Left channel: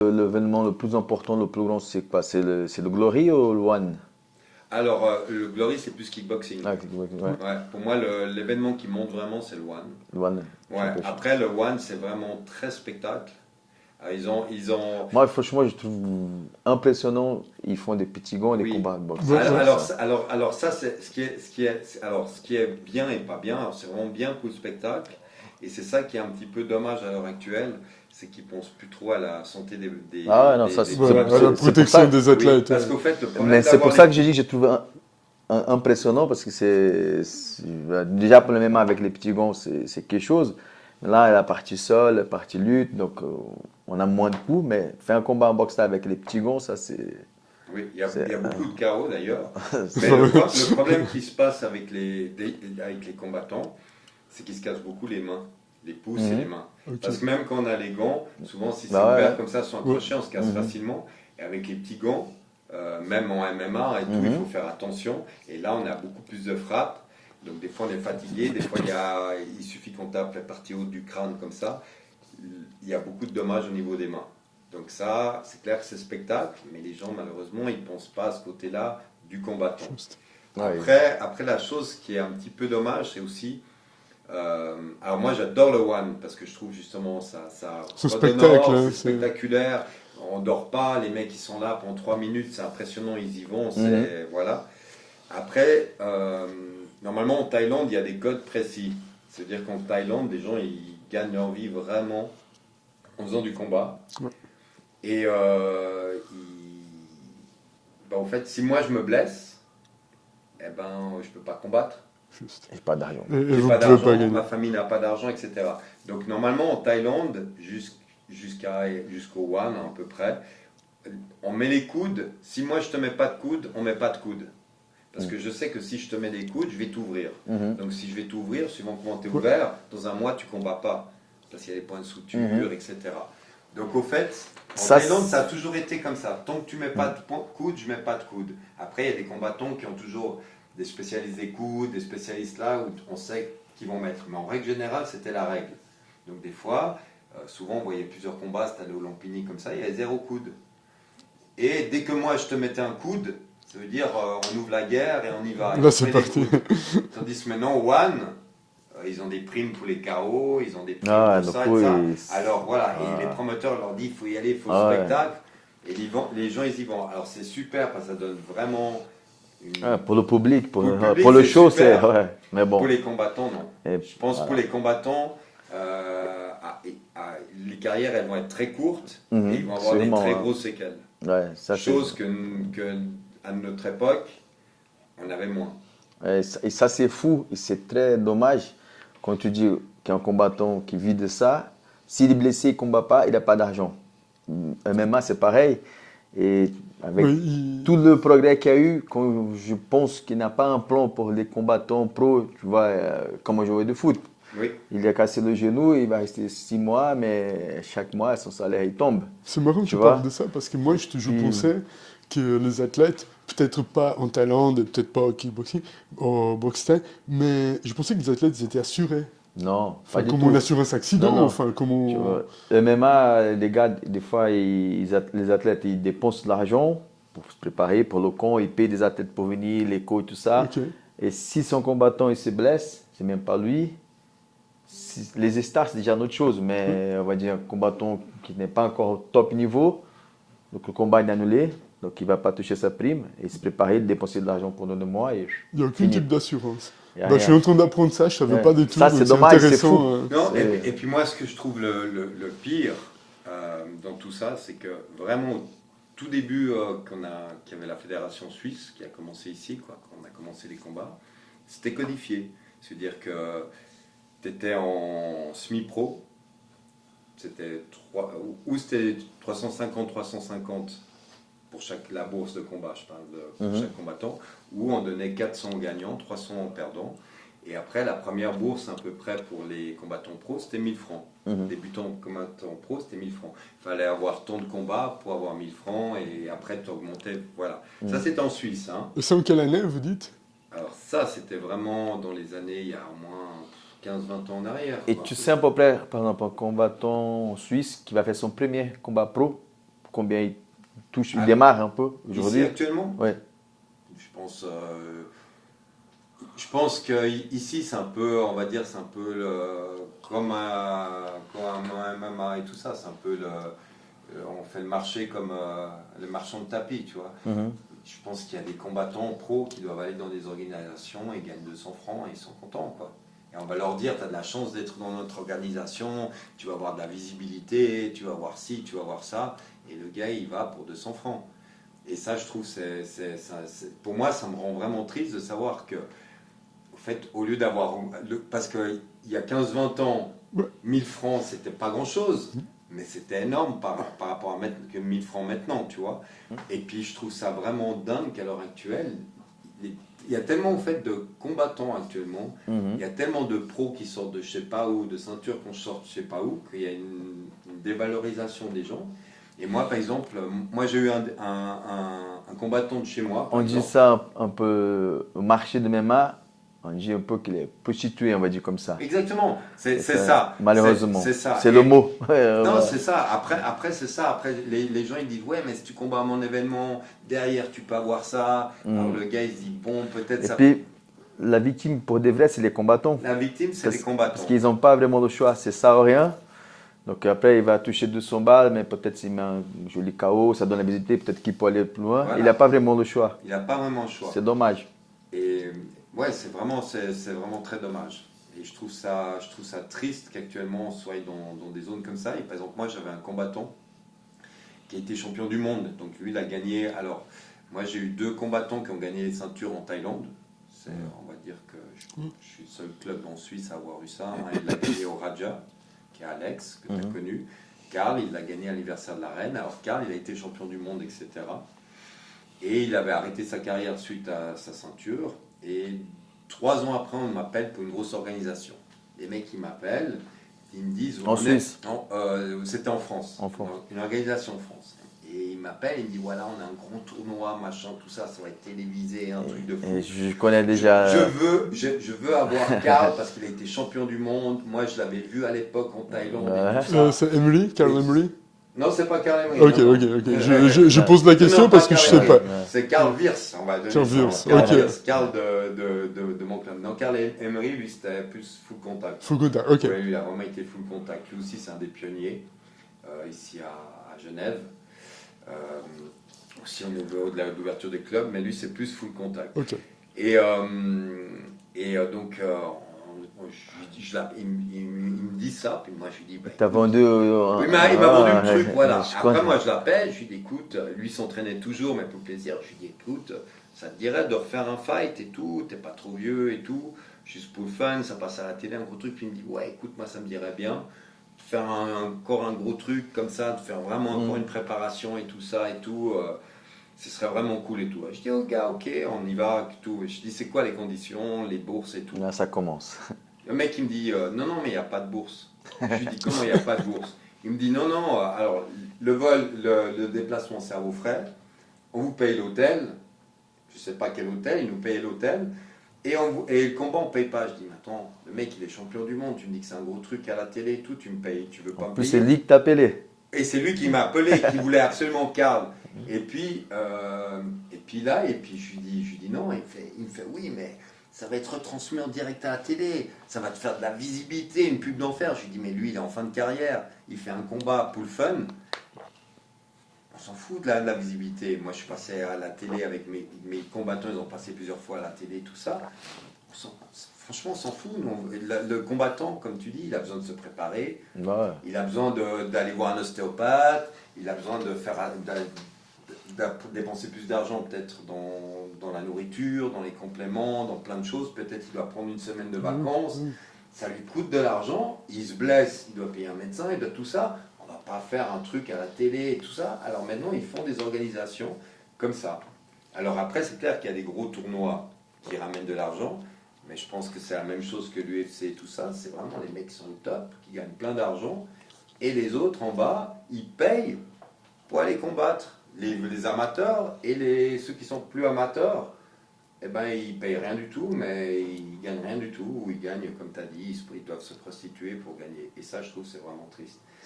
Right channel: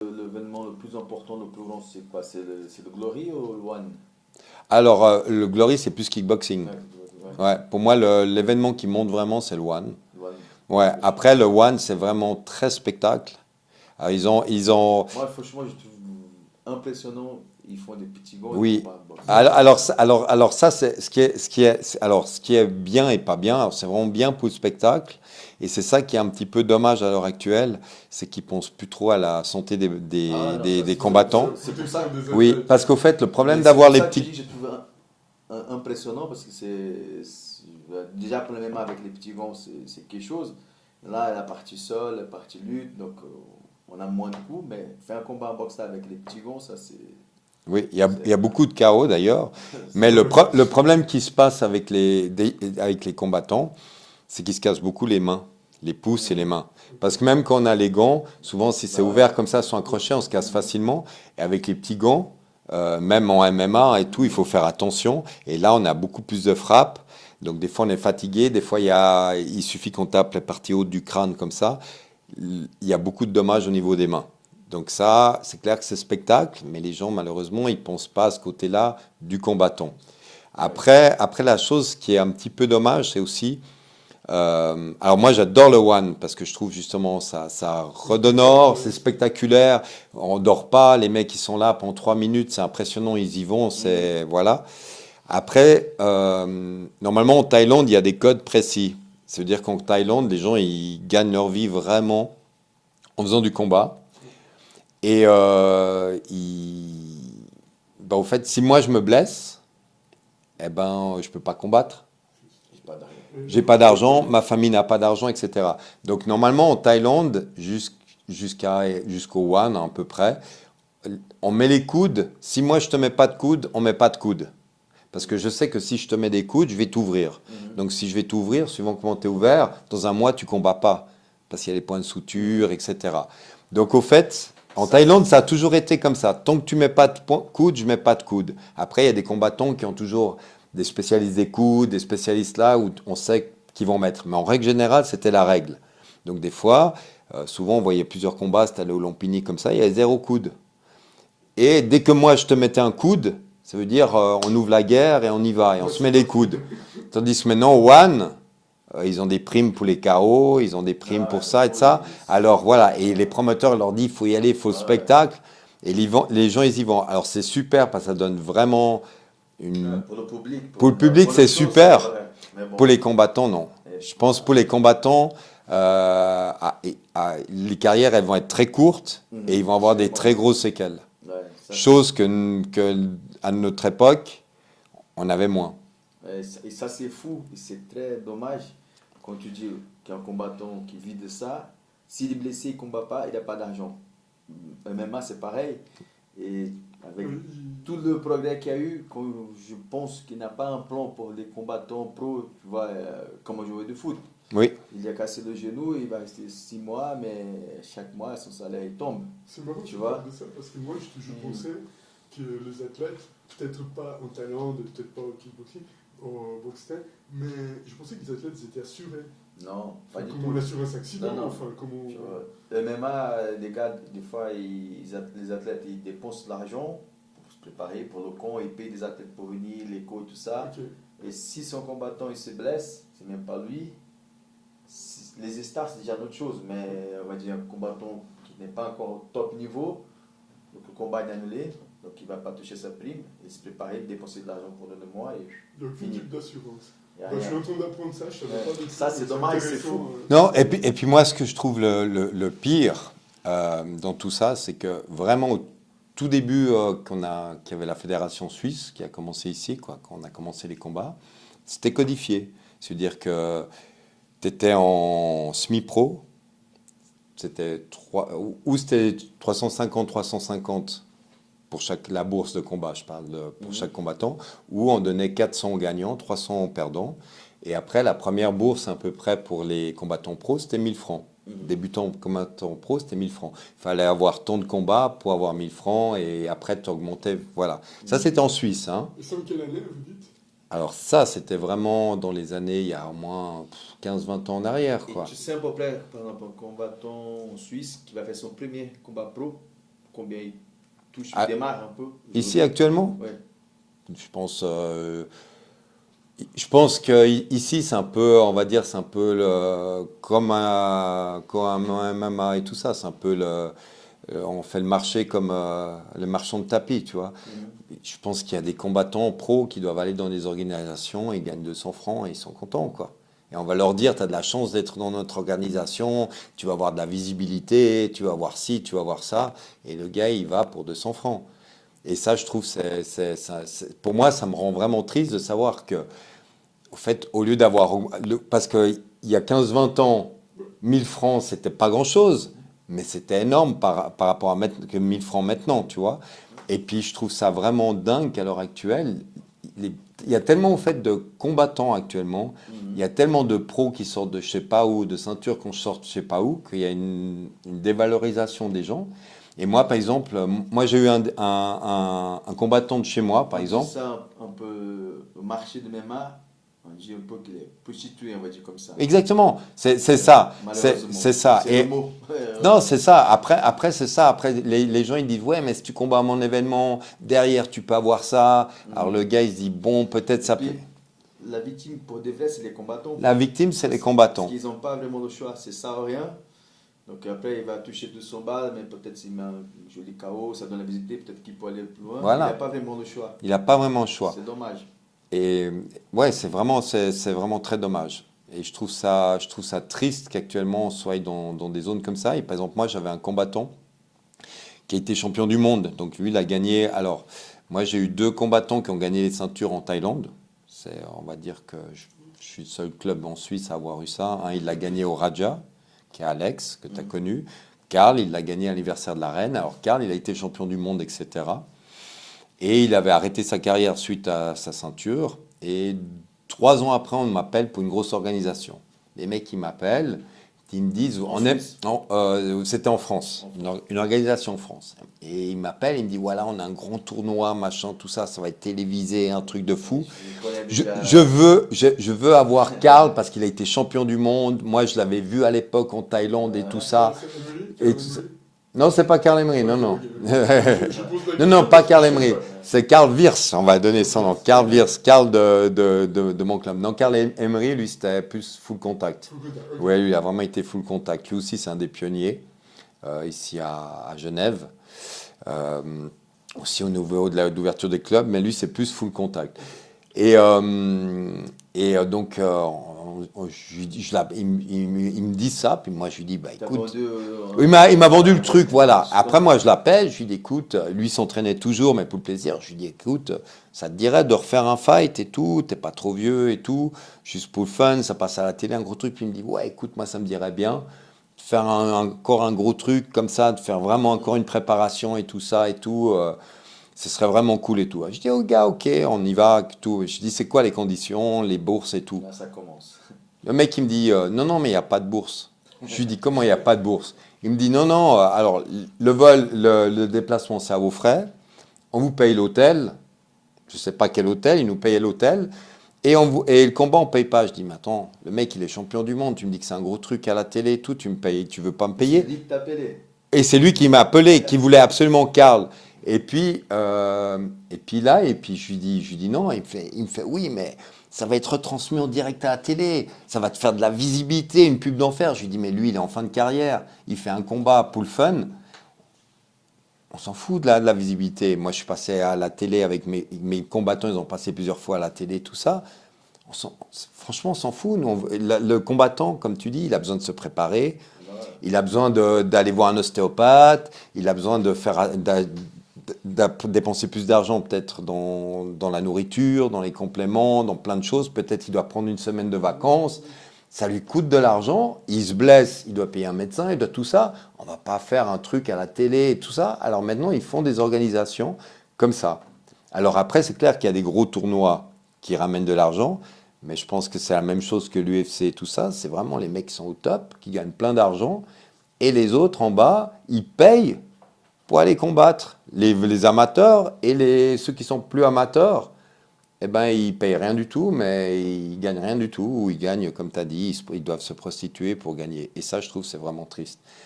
L'événement le plus important, le plus grand, c'est quoi? C'est le Glory ou le One? Alors, le Glory, c'est plus kickboxing. Ah, ouais, Ouais, pour moi, l'événement qui monte vraiment, c'est le One. le One. Ouais, Ok. après, le One, c'est vraiment très spectacle. Alors, ils ont, Moi, franchement, je trouve impressionnant. Ils font des petits gants et des oui. combats de boxe. Alors ça, c'est ce qui est bien et pas bien. Alors, c'est vraiment bien pour le spectacle. Et c'est ça qui est un petit peu dommage à l'heure actuelle, c'est qu'ils pensent plus trop à la santé Ah ouais, non, ça, des À la combattants. c'est pour ça. protection des Oui, athlètes. parce qu'au fait, le problème Mais c'est d'avoir pour les ça que j'ai petits... dit que j'ai trouvé impressionnant parce que déjà pour le MMA avec les petits gants, c'est quelque chose. Là, la partie sol, la partie lutte, donc on a moins de coups, mais faire un combat en boxe là avec les petits gants, ça c'est. Oui, il y c'est- a beaucoup de chaos d'ailleurs. Mais le problème qui se passe avec avec les combattants, c'est qu'ils se cassent beaucoup les mains, les pouces et les Mhm. mains. Ok. Parce que même quand on a les gants, souvent si c'est Bah ouais, ouvert ouais. comme ça sur un Ouais. crochet, on se casse Mhm. facilement. Et avec les petits gants, même en MMA et tout, il faut Mhm. faire attention. Et là, on a beaucoup plus de frappes. Donc des fois, on est fatigué. Des fois, il suffit qu'on tape la partie haute du crâne comme ça. Il y a beaucoup de dommages au niveau des mains. Donc ça, c'est clair que c'est spectacle, mais les gens, malheureusement, ils pensent pas à ce côté-là du combattant. Ouais. Après, la chose qui est un petit peu dommage, c'est aussi alors moi j'adore le One parce que je trouve justement ça Ce spectacle, redonore, hein, c'est spectaculaire, on dort pas, les mecs qui sont là pendant 3 minutes, c'est impressionnant, ils y vont, Mhm. c'est voilà. Après, normalement en Thaïlande il y a des codes précis. Ça veut dire qu'en Thaïlande les gens ils gagnent leur vie vraiment en faisant du combat ouais. et bah, au fait si moi je me blesse, eh ben je peux pas combattre. Juste. J'ai pas d'argent. Et J'ai vous pas pouvez pas d'argent, gagner. ma famille n'a pas d'argent, etc. Donc normalement en Thaïlande, jusqu'au One à peu près, on met les coudes. Si moi je te mets pas de coudes, on met pas de coudes. Parce que je sais que si je te mets des coudes, je vais t'ouvrir. Mhm. Donc si je vais t'ouvrir, suivant comment tu es Ouais. ouvert, dans un mois tu combats pas. Parce qu'il y a les points de Mhm. suture, etc. Donc au fait, en Ça, Thaïlande, ça a c'est- toujours été comme ça. Tant que tu mets pas de coudes, je mets pas de coudes. Après, il y a des combattants qui ont toujours des spécialistes des coudes, des spécialistes là où on sait qu'ils vont mettre. Mais en règle générale, c'était la règle. Donc des fois, souvent on voyait plusieurs combats, c'était allé au Lompini comme ça, il y avait zéro coude. Et dès que moi je te mettais un coude, ça veut dire on ouvre la guerre et on y va et on Là, se c'est met des parti. coudes. Tandis que maintenant, One, ils ont des primes pour les KO, ils ont des primes Ah ouais, pour donc ça et ça. oui. Alors voilà, et les Ah, promoteurs leur disent il faut y aller, il faut le ah ouais. spectacle. Et les gens, ils y vont. Alors c'est super parce que ça donne vraiment Ah, une... pour le public, Pour le public, pour le c'est show, c'est. super. Ouais. Mais Pour bon. les combattants, non. Et Je pense pour voilà. les combattants, les carrières, elles vont être très courtes et ils Mhm. vont avoir des Sûrement, très hein. grosses séquelles. Ouais, ça c'est. Chose à notre époque, on avait moins. Et ça, c'est fou et c'est très dommage quand tu dis qu'un combattant qui vit de ça, s'il est blessé, il ne combat pas, il n'a pas d'argent. MMA, c'est pareil. Et avec Oui, tout le progrès qu'il y a eu, quand je pense qu'il n'a pas un plan pour les combattants pro, tu vois, comme un joueur de foot. Oui, Il a cassé le genou, il va rester 6 mois, mais chaque mois, son salaire, il tombe. c'est marrant que Tu tu parles vois? de ça parce que moi, je Puis, pensais que les athlètes, peut-être pas en Thaïlande et peut-être pas au kickboxing, au boxe thaï, mais je pensais que les athlètes ils étaient assurés. non, pas Enfin, du comme une tout. assurance Non, accident, non. enfin, comme Tu on... vois, le MMA, les gars, des fois, les athlètes, ils dépensent de l'argent pour se préparer pour le camp, ils payent des athlètes pour venir, les coachs, tout ça. Ok. Et si son combattant, il se blesse, c'est même pas lui. Les stars, c'est déjà une autre chose, Ouais. mais on va dire un combattant qui n'est pas encore au top niveau, donc le combat est annulé, donc il ne va pas toucher sa prime, et se préparer, dépenser de l'argent pendant 2 mois, et Il n'y a aucun fini. type d'assurance. Il y a Bah, je suis rien. en train d'apprendre ça, je savais Ouais. pas du tout, Ça, donc c'est c'est dommage, c'est intéressant. fou. non, C'est- et puis moi, ce que je trouve le pire dans tout ça, c'est que vraiment au tout début qu'il y avait la fédération suisse qui a commencé ici, quoi, quand on a commencé les combats, c'était codifié. C'est-à-dire que tu étais en semi-pro, c'était 350 pour la bourse de combat, je parle pour Mhm. chaque combattant, où on donnait 400 aux gagnants, 300 aux perdants. Et après, la première bourse à peu près pour les combattants pro, c'était 1000 francs. Mhm. Débutant combattant pro, c'était 1000 francs. Il fallait avoir tant de combats pour avoir 1000 francs et après, tu augmentais. Voilà. Ça, Mhm. c'était en Suisse, hein. Et c'est en quelle année, vous dites? Alors ça, c'était vraiment dans les années, il y a au moins 15-20 ans en arrière, Et quoi. tu sais à peu près, par exemple, un combattant suisse qui va faire son premier combat pro, combien il touche, il Ah, démarre un peu Ici aujourd'hui? actuellement, Ouais. je pense que ici c'est un peu, on va dire, c'est un peu comme un MMA et tout ça, c'est un peu on fait le marché comme le marchand de tapis, tu vois. Mhm. Je pense qu'il y a des combattants pros qui doivent aller dans des organisations et gagnent 200 francs et ils sont contents, quoi. Et on va leur dire, tu as de la chance d'être dans notre organisation, tu vas avoir de la visibilité, tu vas voir ci, tu vas voir ça. Et le gars, il va pour 200 francs. Et ça, je trouve, pour moi, ça me rend vraiment triste de savoir que, au fait, au lieu d'avoir, parce qu'il y a 15-20 ans, Ouais. 1000 francs, c'était pas grand-chose, mais c'était énorme par rapport à que 1000 francs maintenant, tu vois. Et puis, je trouve ça vraiment dingue qu'à l'heure actuelle, les- il y a tellement, au fait, de combattants actuellement, il Mhm. y a tellement de pros qui sortent de je sais pas où, de ceintures qu'on sort de je sais pas où, qu'il y a une dévalorisation des gens. Et moi, par exemple, moi j'ai eu un combattant de chez moi, par On dit exemple. ça un peu au marché de MMA, on dit un peu qu'il est prostitué, on va dire comme ça. Exactement, C'est c'est ça, ça, malheureusement. c'est ça. C'est le mot. Non, c'est ça. Après c'est ça. Après, les gens ils disent, ouais, mais si tu combats à mon événement, derrière tu peux avoir ça. Alors Mhm. le gars il se dit, bon, peut-être Et ça. puis, la victime pour de vrai, c'est les combattants. La victime, c'est les Parce combattants. qu'ils n'ont pas vraiment le choix, c'est ça ou rien. Donc après, il va toucher 200 balles, mais peut-être s'il met un joli KO, ça donne la visibilité, peut-être qu'il peut aller plus loin. Il n'a Voilà. pas vraiment le choix. Il n'a pas vraiment le choix. C'est dommage. Et ouais, c'est vraiment très dommage. Et je trouve ça triste qu'actuellement on soit dans des zones comme ça. Et par exemple, moi, j'avais un combattant qui a été champion du monde. Donc lui, il a gagné. Alors, moi, j'ai eu deux combattants qui ont gagné les ceintures en Thaïlande. On va dire que je suis le seul club en Suisse à avoir eu ça. Un, il l'a gagné au Raja, qui est Alex, que tu as connu. Karl, il l'a gagné à l'anniversaire de la reine. Alors, Karl, il a été champion du monde, etc. Et il avait arrêté sa carrière suite à sa ceinture. Et 3 ans après, on m'appelle pour une grosse organisation. Les mecs, ils m'appellent, ils me disent, En Suisse. c'était en France, En France. une organisation en France. Et ils m'appellent, ils me disent, voilà, on a un grand tournoi, machin, tout ça, ça va être télévisé, un truc de fou. Et je connais déjà. Je veux avoir Karl parce qu'il a été champion du monde. Moi, je l'avais vu à l'époque en Thaïlande et Ouais. tout ça. C'est Emery, Carl Et tu sais- Emery. Non, c'est pas Karl Emery, Ok, non, ok, non. ok. Je pose la Non, question non, pas parce que Karl je sais Emery. pas. C'est Karl Wirtz, on va donner Karl ça. Wirtz, Karl ok. Wirtz, Karl de mon club. Non, Karl Emery, lui, c'était plus full contact. Faut contact, ok. Ouais, lui, il a vraiment été full contact. Lui aussi, c'est un des pionniers ici à Genève. Euh, Aussi au niveau de l'ouverture des clubs, mais lui, c'est plus full contact. Ok. Donc, je lui dis, il me dit ça, puis moi, je lui dis, bah T'as écoute. vendu. Il m'a vendu le truc, voilà. je Après, connais. moi, je l'appelle, je lui dis, écoute, lui s'entraînait toujours, mais pour le plaisir. Je lui dis, écoute, ça te dirait de refaire un fight et tout, t'es pas trop vieux et tout, juste pour le fun, ça passe à la télé, un gros truc. Puis il me dit, ouais, écoute, moi, ça me dirait bien de faire encore un gros truc comme ça, de faire vraiment encore une préparation et tout ça et tout. Ce serait vraiment cool et tout. Je dis au gars, ok, on y va, tout. Je dis, c'est quoi les conditions, les bourses et tout. Là, ça commence. Le mec, il me dit, non, non, mais il n'y a pas de bourse. Je lui dis, comment il n'y a pas de bourse? Il me dit, non, non, alors, le vol, le déplacement, c'est à vos frais. On vous paye l'hôtel. Je ne sais pas quel hôtel, il nous payait l'hôtel. Et le combat, on ne paye pas. Je dis, mais attends, le mec, il est champion du monde. Tu me dis que c'est un gros truc à la télé et tout. Tu me payes, tu veux pas me Mais c'est payer? lui qui t'a appelé. Et c'est lui qui m'a appelé, qui voulait absolument Karl. Et puis je lui dis non. Il me fait oui, mais ça va être retransmis en direct à la télé. Ça va te faire de la visibilité, une pub d'enfer. Je lui dis, mais lui, il est en fin de carrière. Il fait un combat pour le fun. On s'en fout de la visibilité. Moi, je suis passé à la télé avec mes combattants. Ils ont passé plusieurs fois à la télé, tout ça. Franchement, on s'en fout. Nous, le combattant, comme tu dis, il a besoin de se préparer. Ouais. Il a besoin d'aller voir un ostéopathe. Il a besoin de dépenser plus d'argent peut-être dans la nourriture, dans les compléments, dans plein de choses. Peut-être il doit prendre une semaine de vacances. Ça lui coûte de l'argent. Il se blesse. Il doit payer un médecin. Il doit tout ça. On ne va pas faire un truc à la télé et tout ça. Alors maintenant, ils font des organisations comme ça. Alors après, c'est clair qu'il y a des gros tournois qui ramènent de l'argent. Mais je pense que c'est la même chose que l'UFC et tout ça. C'est vraiment les mecs qui sont au top, qui gagnent plein d'argent. Et les autres en bas, ils payent pour aller combattre. Les amateurs et ceux qui sont plus amateurs, eh ben, ils payent rien du tout, mais ils gagnent rien du tout. Ou ils gagnent, comme tu as dit, ils doivent se prostituer pour gagner. Et ça, je trouve, c'est vraiment triste.